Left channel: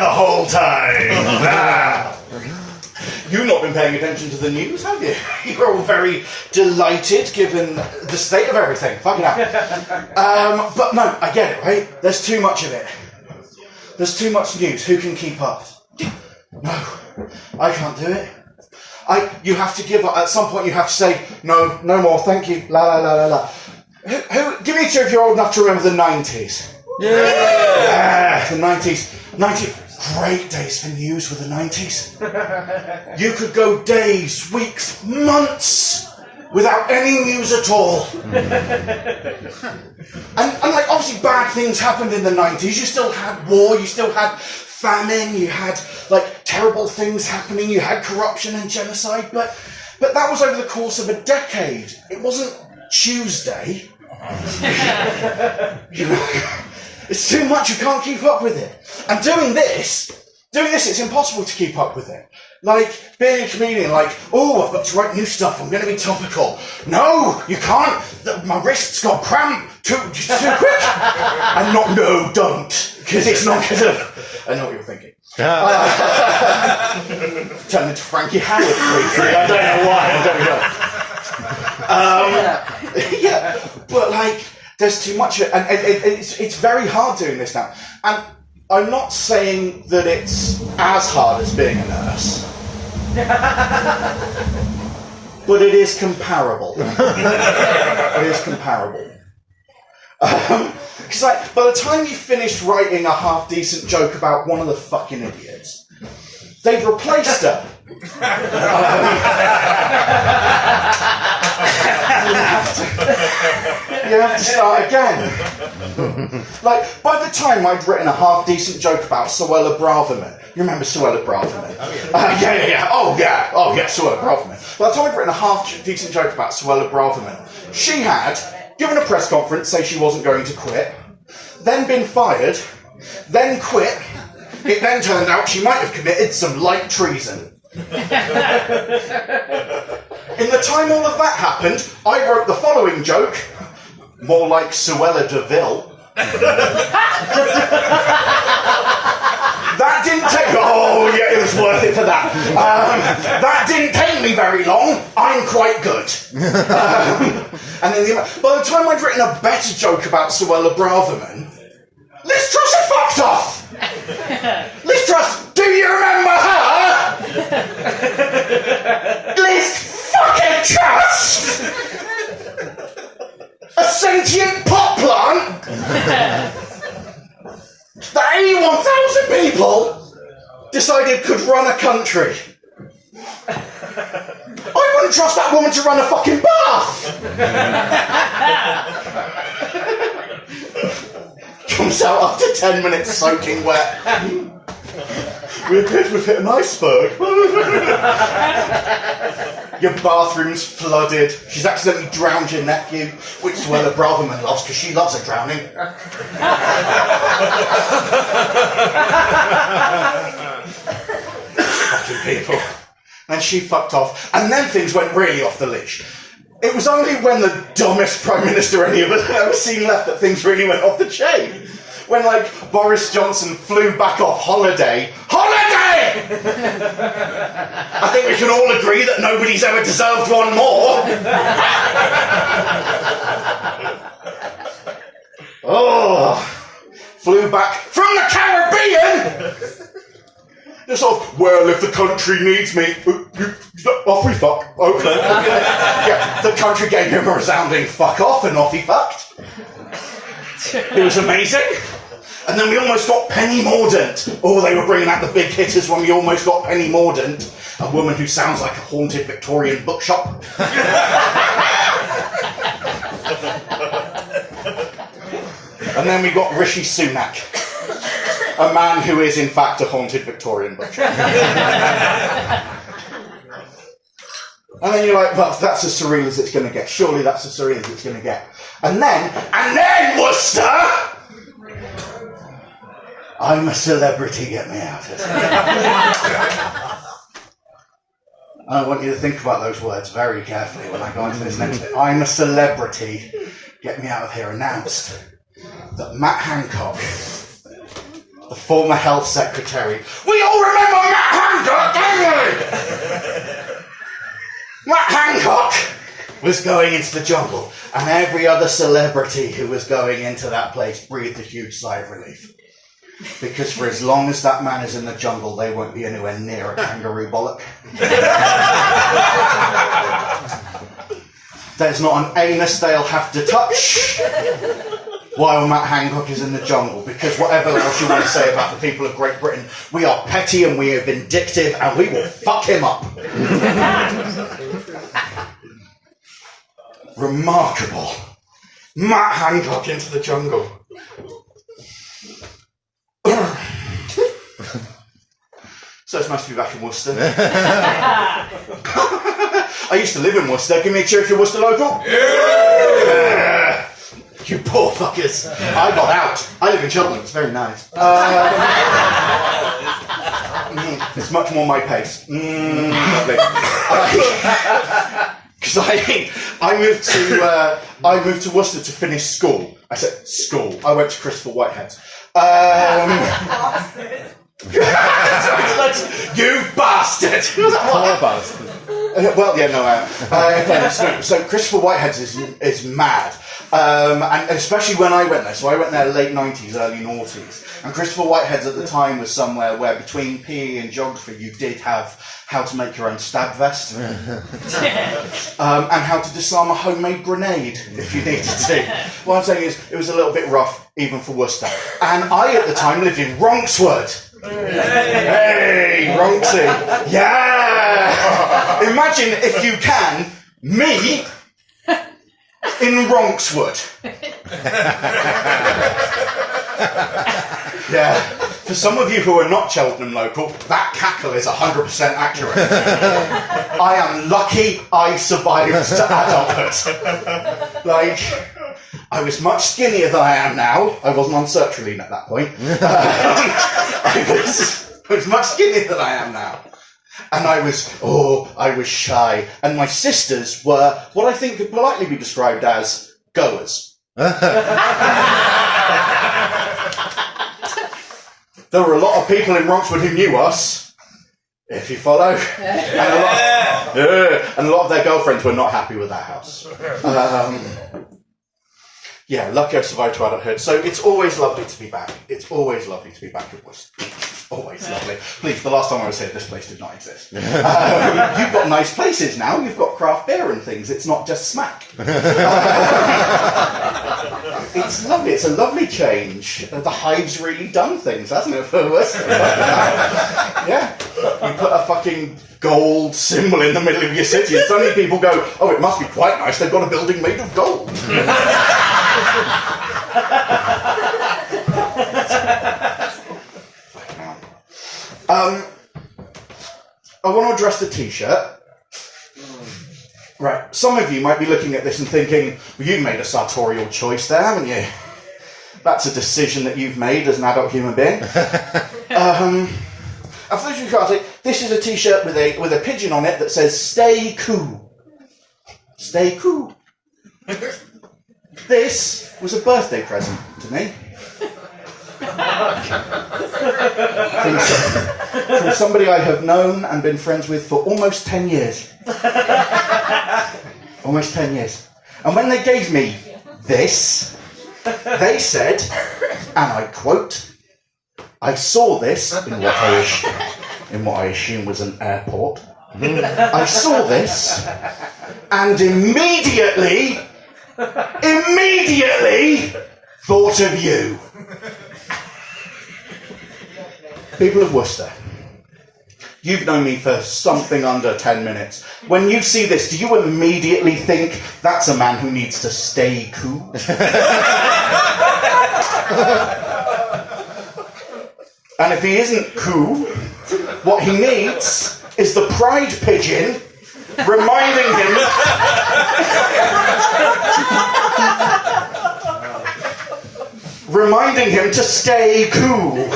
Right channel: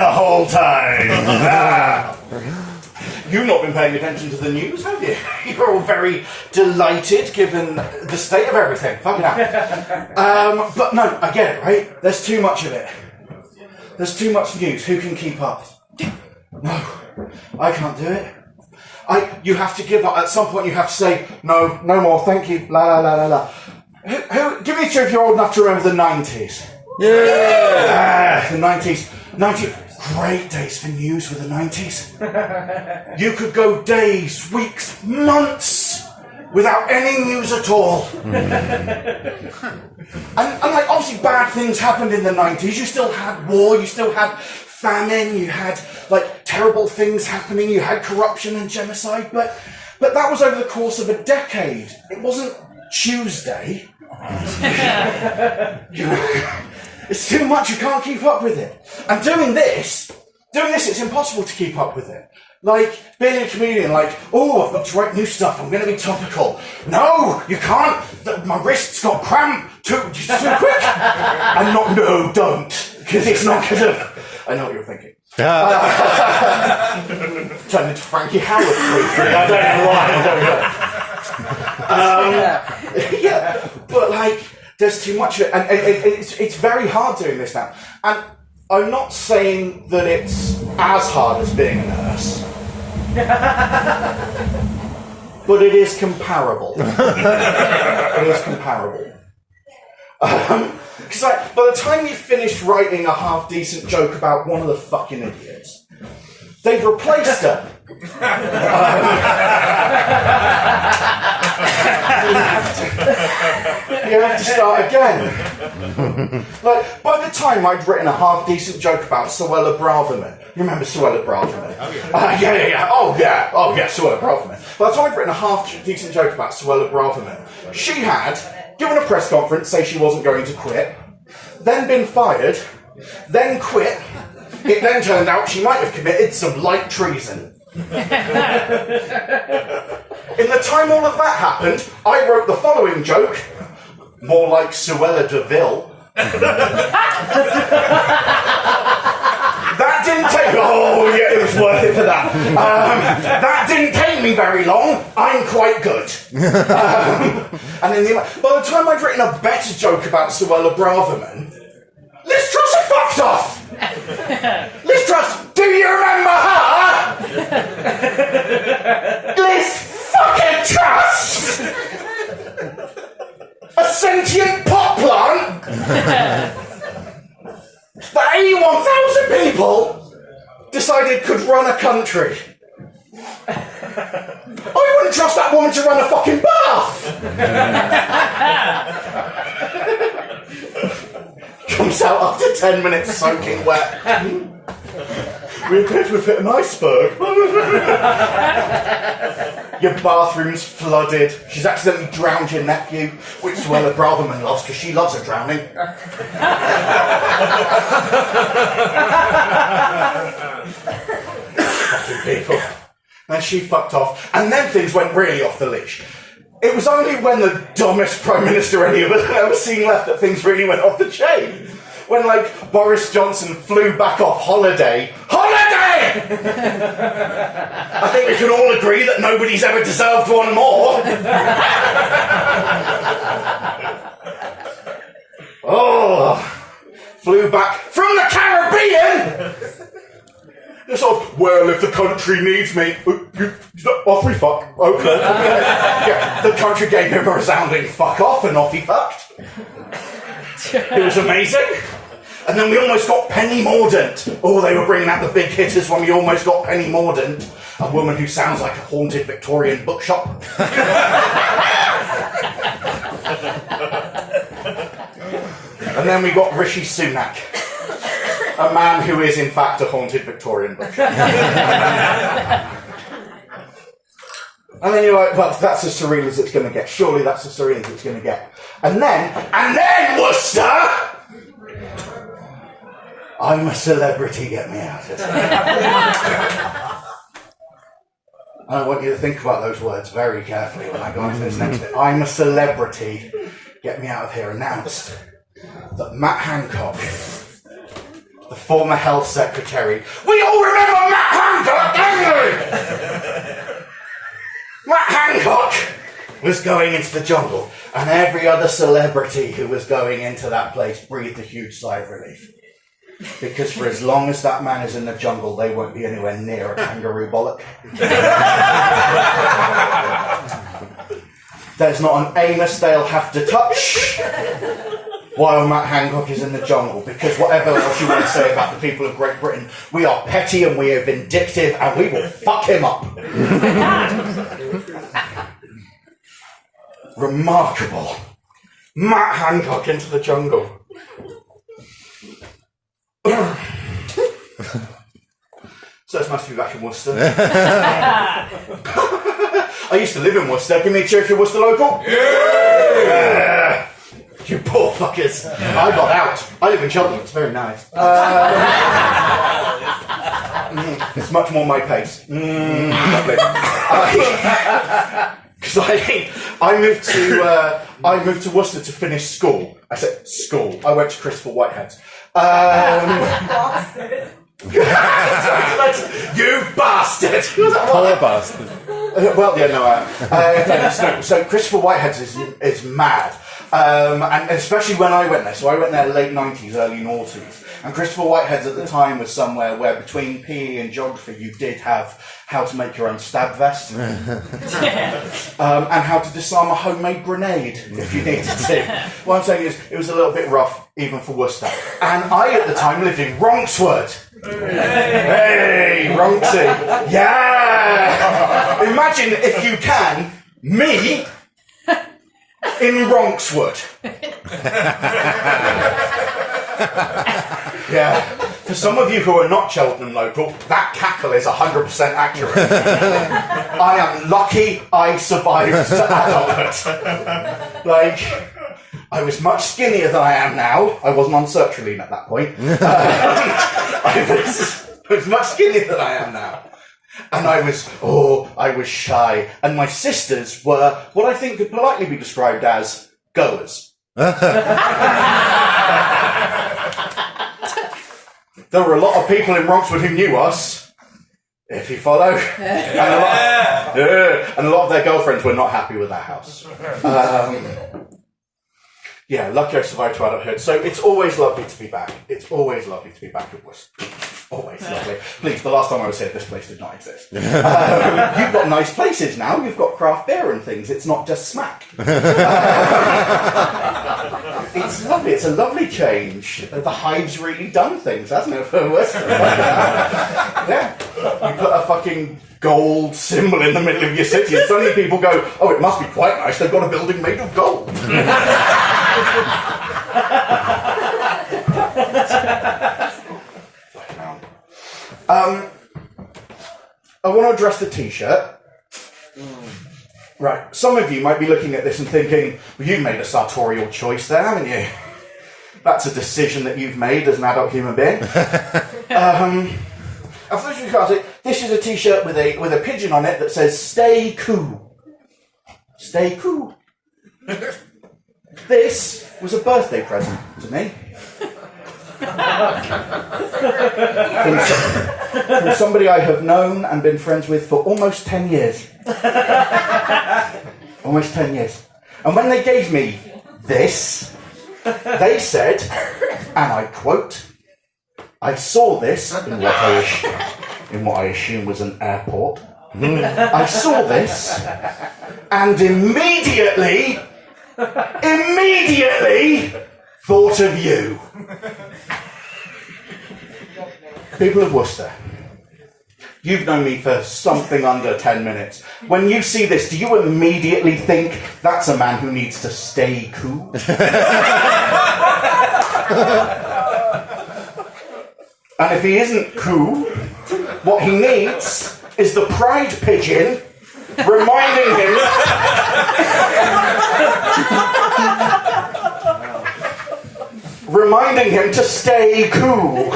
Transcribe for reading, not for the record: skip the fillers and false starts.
the whole time. You've not been paying attention to the news, have you? You're all very delighted given the state of everything. Fucking hell. But no, I get it, right? There's too much of it. There's too much news. Who can keep up? No, I can't do it. You have to give up. At some point you have to say, no more, thank you, la la la la la. Give me a cheer if you're old enough to remember the 90s. Yeah! The 90s. Great days for news with the 90s. You could go days, weeks, months without any news at all. and like, obviously bad things happened in the 90s. You still had war, you still had famine, you had like terrible things happening, you had corruption and genocide, but that was over the course of a decade. It wasn't Tuesday. You know, it's too much, you can't keep up with it. And doing this, it's impossible to keep up with it. Like, being a comedian, like, oh, I've got to write new stuff, I'm going to be topical. No, you can't, my wrist's got cramp, too quick. And not, no, don't, because it's not going to... I know what you're thinking. Turned into Frankie Howard briefly. I don't know why. Yeah, but like, there's too much of it, and it's very hard doing this now. And I'm not saying that it's as hard as being a nurse, but it is comparable. It is comparable. Because like, by the time you finished writing a half-decent joke about one of the fucking idiots, they've replaced her. You have to start again. Like, by the time I'd written a half-decent joke about Suella Braverman, you remember Suella Braverman? Yeah. Oh yeah, Suella Braverman. By the time I'd written a half-decent joke about Suella Braverman, she had given a press conference, say she wasn't going to quit, then been fired, then quit. It then turned out she might have committed some light treason. In the time all of that happened, I wrote the following joke, more like Suella Deville. That didn't take... Oh, yeah, it was worth it for that. That didn't take me very long. I'm quite good. And then by the time I'd written a better joke about Suella Braverman, Liz Truss had fucked off. Liz Truss, do you remember her? Liz fucking Truss! A sentient pot plant that 81,000 people decided could run a country. I wouldn't trust that woman to run a fucking bath! Comes out after 10 minutes soaking wet. We appear to have hit an iceberg. Your bathroom's flooded. She's accidentally drowned your nephew, which Suella Braverman loves because she loves a drowning. Fucking people. And she fucked off, and then things went really off the leash. It was only when the dumbest Prime Minister any of us had ever seen left that things really went off the chain. When, like, Boris Johnson flew back off holiday. Holiday! I think we can all agree that nobody's ever deserved one more. Oh, flew back from the Caribbean! It's sort of, well, if the country needs me, off we fuck. Okay. Yeah, the country gave him a resounding fuck off and off he fucked. It was amazing. And then we almost got Penny Mordaunt. Oh, they were bringing out the big hitters when we almost got Penny Mordaunt, a woman who sounds like a haunted Victorian bookshop. And then we got Rishi Sunak, a man who is in fact a haunted Victorian bookshop. And then you're like, well, that's as surreal as it's going to get. Surely that's as surreal as it's going to get. And then Worcester! I'm a celebrity, get me out of here. I want you to think about those words very carefully when I go into this next bit. I'm a celebrity, get me out of here, announced that Matt Hancock the former health secretary. We all remember Matt Hancock, don't we? Matt Hancock was going into the jungle, and every other celebrity who was going into that place breathed a huge sigh of relief. Because for as long as that man is in the jungle, they won't be anywhere near a kangaroo bollock. There's not an anus they'll have to touch while Matt Hancock is in the jungle, because whatever else you want to say about the people of Great Britain, we are petty and we are vindictive and we will fuck him up. Remarkable. Matt Hancock into the jungle. So it's nice to be back in Worcester. I used to live in Worcester. Give me a cheer if you're Worcester local. Yeah. You poor fuckers. I got out. I live in Cheltenham. It's very nice. It's much more my pace. Lovely. Because I moved to Worcester to finish school. I said school. I went to Christopher Whitehead's. You bastard! Poor bastard. Well, yeah, no, so Christopher Whitehead's is mad. And especially when I went there. So I went there late 90s, early noughties. And Christopher Whitehead's at the time was somewhere where between PE and geography you did have how to make your own stab vest. And how to disarm a homemade grenade if you needed to. What I'm saying is it was a little bit rough even for Worcester. And I at the time lived in Ronkswood. Hey, Ronksy. Yeah! Imagine if you can, me in Ronkswood. Yeah. For some of you who are not Cheltenham local, that cackle is 100% accurate. I am lucky I survived to adulthood. Like, I was much skinnier than I am now. I wasn't on sertraline at that point. I was much skinnier than I am now. And I was shy. And my sisters were what I think could politely be described as goers. There were a lot of people in Ronkswood who knew us, if you follow. And a lot of their girlfriends were not happy with that house. Yeah, lucky I survived to adulthood. So it's always lovely to be back. It's always lovely to be back at Worcester. Always lovely. Please, the last time I was here, this place did not exist. You've got nice places now. You've got craft beer and things. It's not just smack. It's lovely. It's a lovely change. The Hive's really done things, hasn't it, for Worcester? Yeah. You put a fucking gold symbol in the middle of your city and suddenly people go, oh, it must be quite nice. They've got a building made of gold. I want to address the t-shirt. Right, some of you might be looking at this and thinking, well, you've made a sartorial choice there, haven't you? That's a decision that you've made as an adult human being. This is a t-shirt with a pigeon on it that says, stay cool. Stay cool. This was a birthday present to me. From somebody I have known and been friends with for almost 10 years. Almost 10 years. And when they gave me this, they said, and I quote, I saw this in what I assume was an airport. I saw this and immediately thought of you. People of Worcester, you've known me for something under 10 minutes. When you see this, do you immediately think that's a man who needs to stay cool? And if he isn't cool, what he needs is the pride pigeon reminding him to stay cool.